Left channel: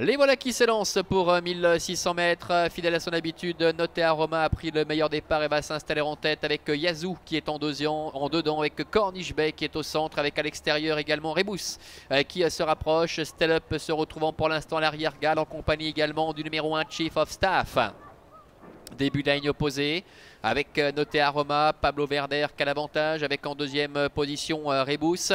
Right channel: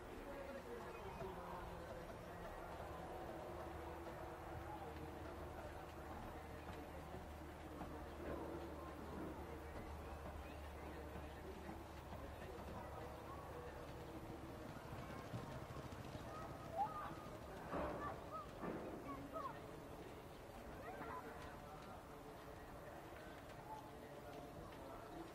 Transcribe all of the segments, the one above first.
Les voilà qui s'élancent pour 1600 mètres. Fidèle à son habitude, Notea Roma a pris le meilleur départ et va s'installer en tête avec Yazoo qui est en dedans, avec Corniche Bay qui est au centre, avec à l'extérieur également Rebus qui se rapproche. Stellup se retrouvant pour l'instant à l'arrière-garde en compagnie également du numéro 1 Chief of Staff. Début de la ligne opposée avec Notea Roma, Pablo Verder qui a l'avantage avec en deuxième position Rebus.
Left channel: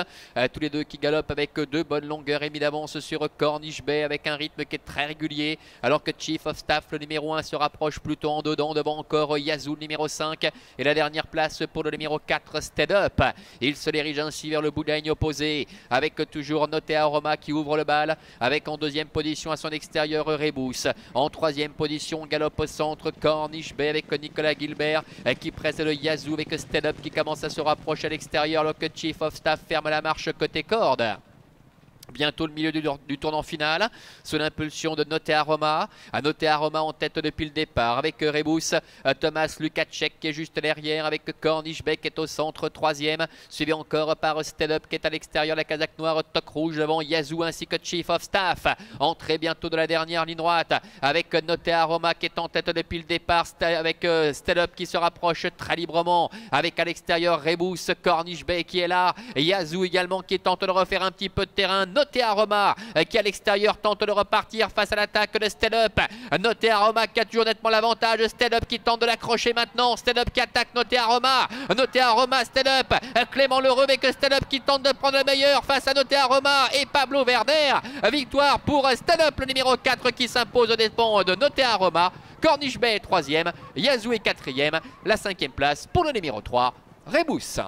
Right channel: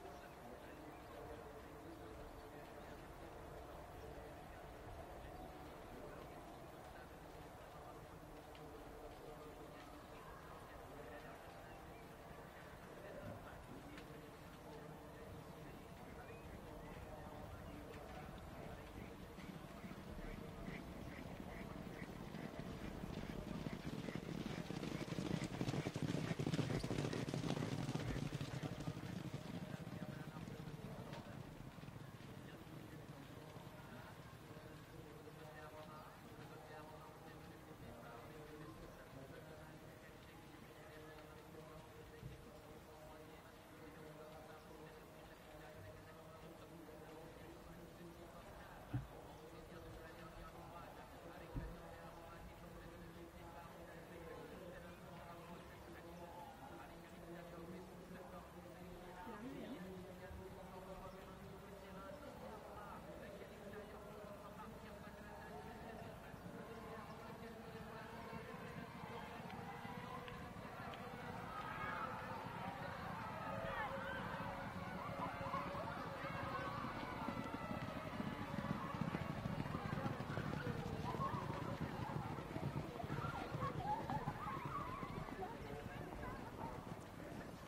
Tous les deux qui galopent avec deux bonnes longueurs et mis d'avance sur Corniche Bay avec un rythme qui est très régulier. Alors que Chief of Staff, le numéro 1, se rapproche plutôt en dedans. Devant encore Yazoo, le numéro 5. Et la dernière place pour le numéro 4, Stellup. Il se dirige ainsi vers le bout de la ligne opposée avec toujours Notea Roma qui ouvre le bal. Avec en deuxième position à son extérieur Rebus. En troisième position, galope au centre Corniche Bay avec Nicolas Gilbert qui presse le Yazoo avec Stellup qui commence à se rapprocher à l'extérieur alors que Chief of Staff ferme la marche côté corde. Bientôt le milieu du tournant final, sous l'impulsion de Notea Roma. À Notea Roma en tête depuis le départ avec Rebus, Thomas Lukacek qui est juste derrière avec Corniche Bay qui est au centre, troisième. Suivi encore par Stellup qui est à l'extérieur, la casaque noire, toc rouge devant Yazoo ainsi que Chief of Staff. Entrée bientôt de la dernière ligne droite avec Notea Roma qui est en tête depuis le départ, avec Stellup qui se rapproche très librement. Avec à l'extérieur Rebus, Corniche Bay qui est là. Yazoo également qui tente de refaire un petit peu de terrain. Notea Roma qui à l'extérieur tente de repartir face à l'attaque de Stellup. Notea Roma qui a toujours nettement l'avantage. Stellup qui tente de l'accrocher maintenant. Stellup qui attaque Notea Roma. Notea Roma, Stellup. Clément Lheureux avec Stellup qui tente de prendre le meilleur face à Notea Roma et Pablo Verder. Victoire pour Stellup, le numéro 4 qui s'impose aux dépens de Notea Roma. Corniche Bay est troisième. Yazoo est quatrième. La cinquième place pour le numéro 3, Rebus.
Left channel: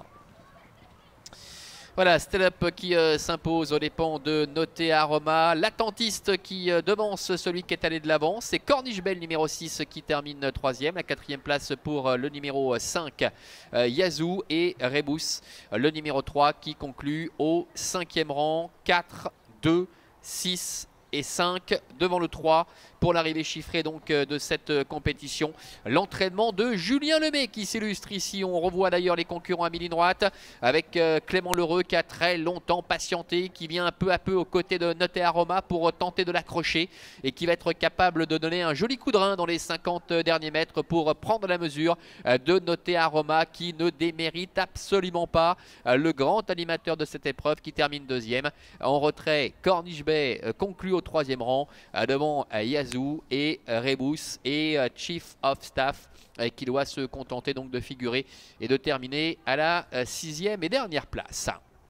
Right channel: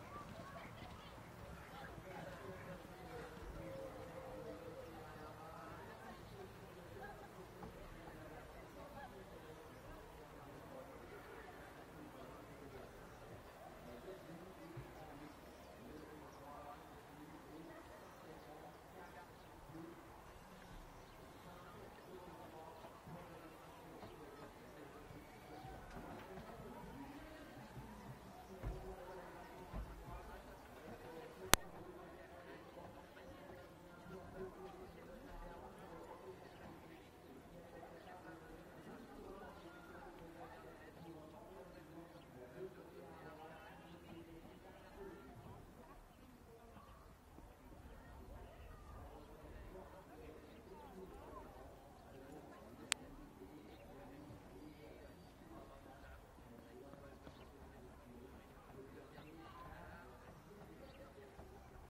Voilà, Stellup qui s'impose aux dépens de Notea Roma. L'attentiste qui devance celui qui est allé de l'avant. C'est Corniche Bay, numéro 6, qui termine troisième. La quatrième place pour le numéro 5, Yazoo. Et Rebus, le numéro 3, qui conclut au cinquième rang. 4, 2, 6 et 5 devant le 3 pour l'arrivée chiffrée donc de cette compétition. L'entraînement de Julien Lemay qui s'illustre ici. On revoit d'ailleurs les concurrents à mi-ligne droite avec Clément Lheureux qui a très longtemps patienté, qui vient peu à peu aux côtés de Notea Roma pour tenter de l'accrocher et qui va être capable de donner un joli coup de rein dans les 50 derniers mètres pour prendre la mesure de Notea Roma qui ne démérite absolument pas le grand animateur de cette épreuve qui termine deuxième. En retrait, Corniche Bay conclut au troisième rang devant Yazoo et Rebus et Chief of Staff qui doit se contenter donc de figurer et de terminer à la sixième et dernière place.